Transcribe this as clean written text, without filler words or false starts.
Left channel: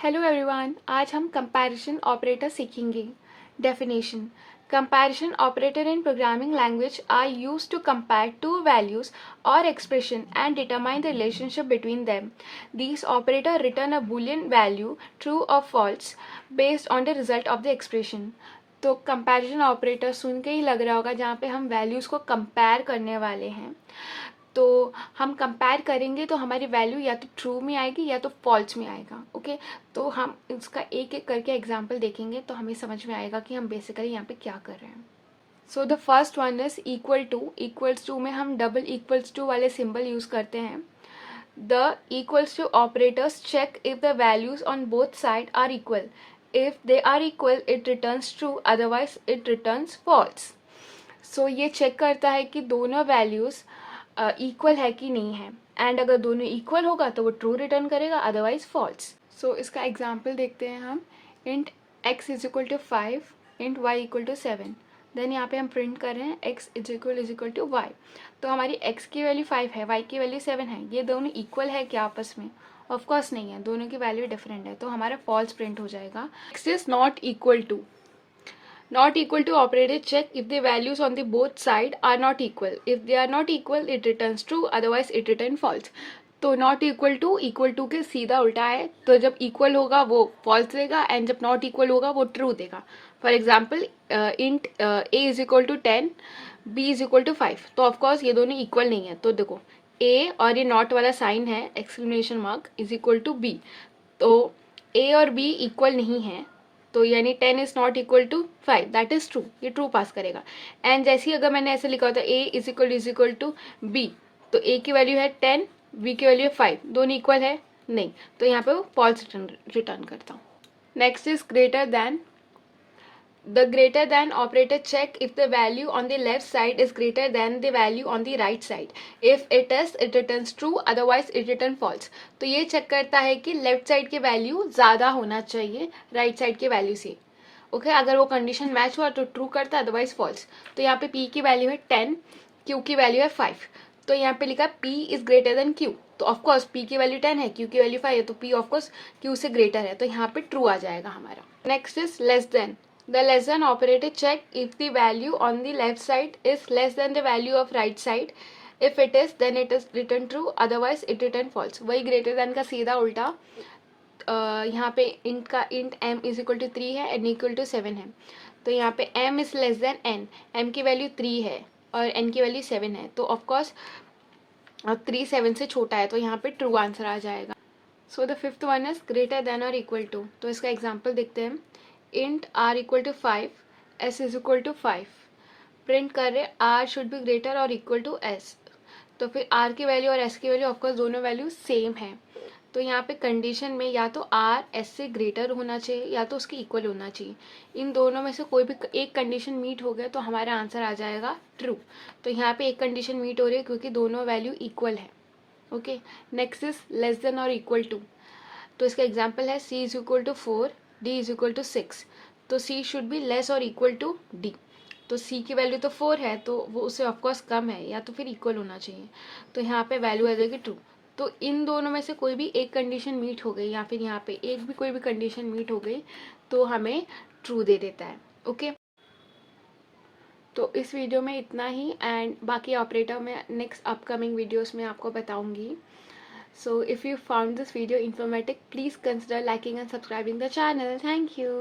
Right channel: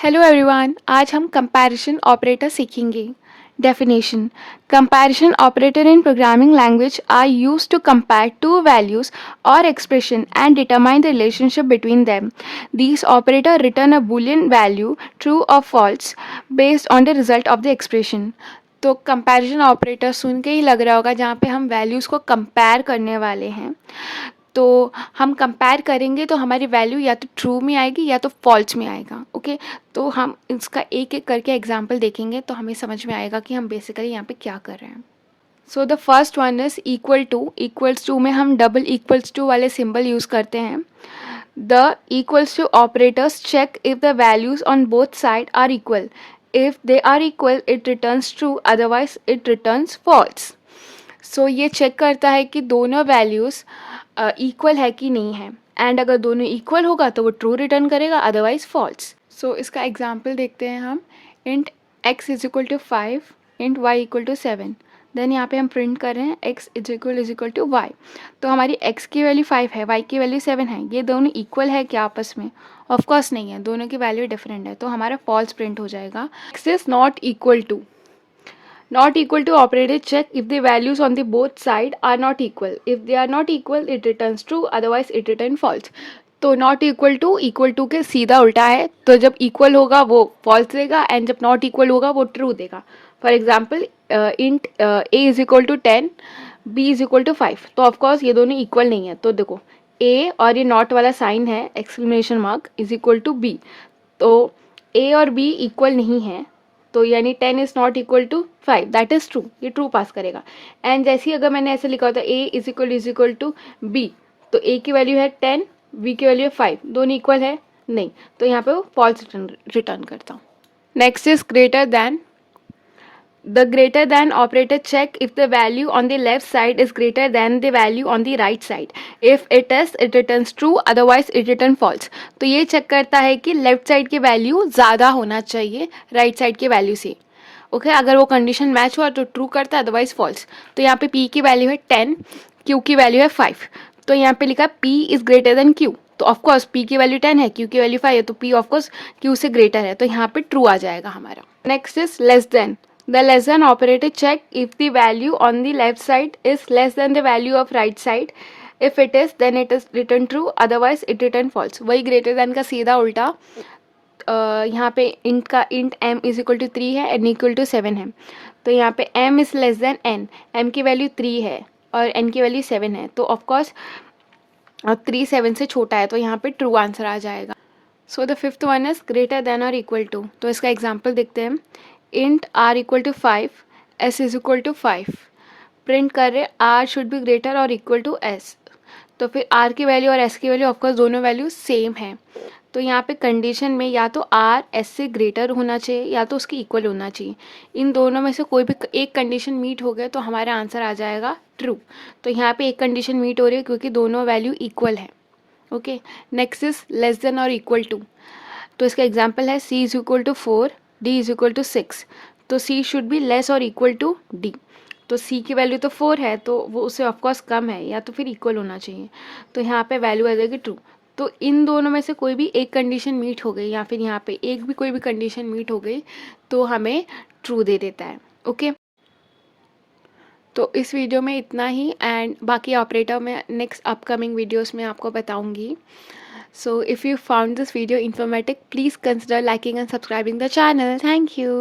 Hello everyone, आज हम comparison operator सीखेंगे। Definition: comparison operator in programming language are used to compare two values और expression and determine the relationship between them. These operator return a boolean value true और false based on the result of the expression. तो comparison operator सुन के ही लग रहा होगा जहाँ पे हम वैल्यूज़ को कंपेयर करने वाले हैं। तो हम कंपेयर करेंगे तो हमारी वैल्यू या तो ट्रू में आएगी या तो फॉल्स में आएगा। ओके, तो हम इसका एक एक करके एग्जांपल देखेंगे तो हमें समझ में आएगा कि हम बेसिकली यहाँ पे क्या कर रहे हैं। So the first one is equal to. Equals to में हम डबल इक्वल्स टू वाले सिंबल यूज़ करते हैं। The equals to operators check if the values on both side are equal. If they are equal it returns true, otherwise it returns false. So ये check करता है कि दोनों values equal है कि नहीं है, एंड अगर दोनों इक्वल होगा तो वो ट्रू रिटर्न करेगा, अदरवाइज फॉल्स। सो इसका एग्जांपल देखते हैं हम। Int x is equal to 5, int y equal to 7। Then यहाँ पे हम प्रिंट कर रहे हैं x is equal to y। तो हमारी x की वैल्यू 5 है, y की वैल्यू 7 है। ये दोनों इक्वल है क्या आपस में? ऑफकोर्स नहीं है, दोनों की वैल्यू डिफरेंट है, तो हमारा फॉल्स प्रिंट हो जाएगा। x is not equal to. Not equal to operator check if the values on the both side are not equal. If they are not equal, it returns true, otherwise it returns false. तो not equal to के सीधा उल्टा है। तो जब equal होगा वो false देगा, एंड जब नॉट इक्वल होगा वो ट्रू देगा। For example, int A is equal to 10, B is equal to 5। तो ऑफकोर्स ये दोनों इक्वल नहीं है। तो देखो, ए और ये नॉट वाला साइन है, exclamation mark, is equal to B. तो ए और बी इक्वल नहीं है, तो यानी 10 is not equal to 5, that is true, ये ट्रू पास करेगा। एंड जैसे ही अगर मैंने ऐसे लिखा होता A is equal to B, तो ए की वैल्यू है 10, बी की वैल्यू है 5, दोनों इक्वल है नहीं, तो यहाँ पे वो फॉल्स रिटर्न करता हूँ। Next is greater than. The greater than operator check if the value on the left side is greater than the value on the right side. If it is, it returns true, otherwise it return false. तो ये check करता है कि left side की value ज़्यादा होना चाहिए right side की वैल्यू से। ओके, अगर वो कंडीशन मैच हुआ तो ट्रू करता है, अदरवाइज फॉल्स। तो यहाँ पे p की वैल्यू है 10, q की वैल्यू है 5। तो यहाँ पे लिखा p is greater then q। तो ऑफकोर्स p की वैल्यू 10 है, q की वैल्यू 5 है, तो p ऑफकोर्स q से ग्रेटर है, तो यहाँ पे ट्रू आ जाएगा हमारा। Next is less then. The less than operator check if the value on the left side is less than the value of right side. If it is, then it is return true, otherwise it return false. वही greater than का सीधा उल्टा। यहाँ पे int का int m is equal to 3 है, n equal to 7 है। तो यहाँ पे m is less then n, m की वैल्यू 3 है और n की वैल्यू 7 है, तो ऑफकोर्स 3 7 से छोटा है, तो यहाँ पे ट्रू आंसर आ जाएगा। So the fifth one is greater than और इक्वल टू। तो इसका एग्जाम्पल देखते हैं। Int r equal to 5, s is equal to 5। Print कर रहे r शुड बी ग्रेटर और इक्वल टू s। तो फिर r की वैल्यू और s की वैल्यू ऑफकोर्स दोनों वैल्यू सेम है। तो यहाँ पे कंडीशन में या तो r s से ग्रेटर होना चाहिए या तो उसकी इक्वल होना चाहिए। इन दोनों में से कोई भी एक कंडीशन मीट हो गया तो हमारा आंसर आ जाएगा ट्रू। तो यहाँ पे एक कंडीशन मीट हो रही है क्योंकि दोनों वैल्यू इक्वल है। Okay, next is less than और इक्वल टू। तो इसका एग्जाम्पल है c is equal to 4, d is equal to 6। तो c शुड बी लेस और इक्वल टू d। तो c की वैल्यू तो 4 है, तो वो उससे ऑफकोर्स कम है या तो फिर इक्वल होना चाहिए। तो यहाँ पे वैल्यू आ जाएगी ट्रू। तो इन दोनों में से कोई भी एक कंडीशन मीट हो गई या फिर यहाँ पे एक भी कोई भी कंडीशन मीट हो गई तो हमें ट्रू दे देता है। ओके, तो इस वीडियो में इतना ही, एंड बाकी ऑपरेटर में नेक्स्ट अपकमिंग वीडियोस में आपको बताऊंगी। So if you found this video informative, please consider liking and subscribing the channel. Thank you.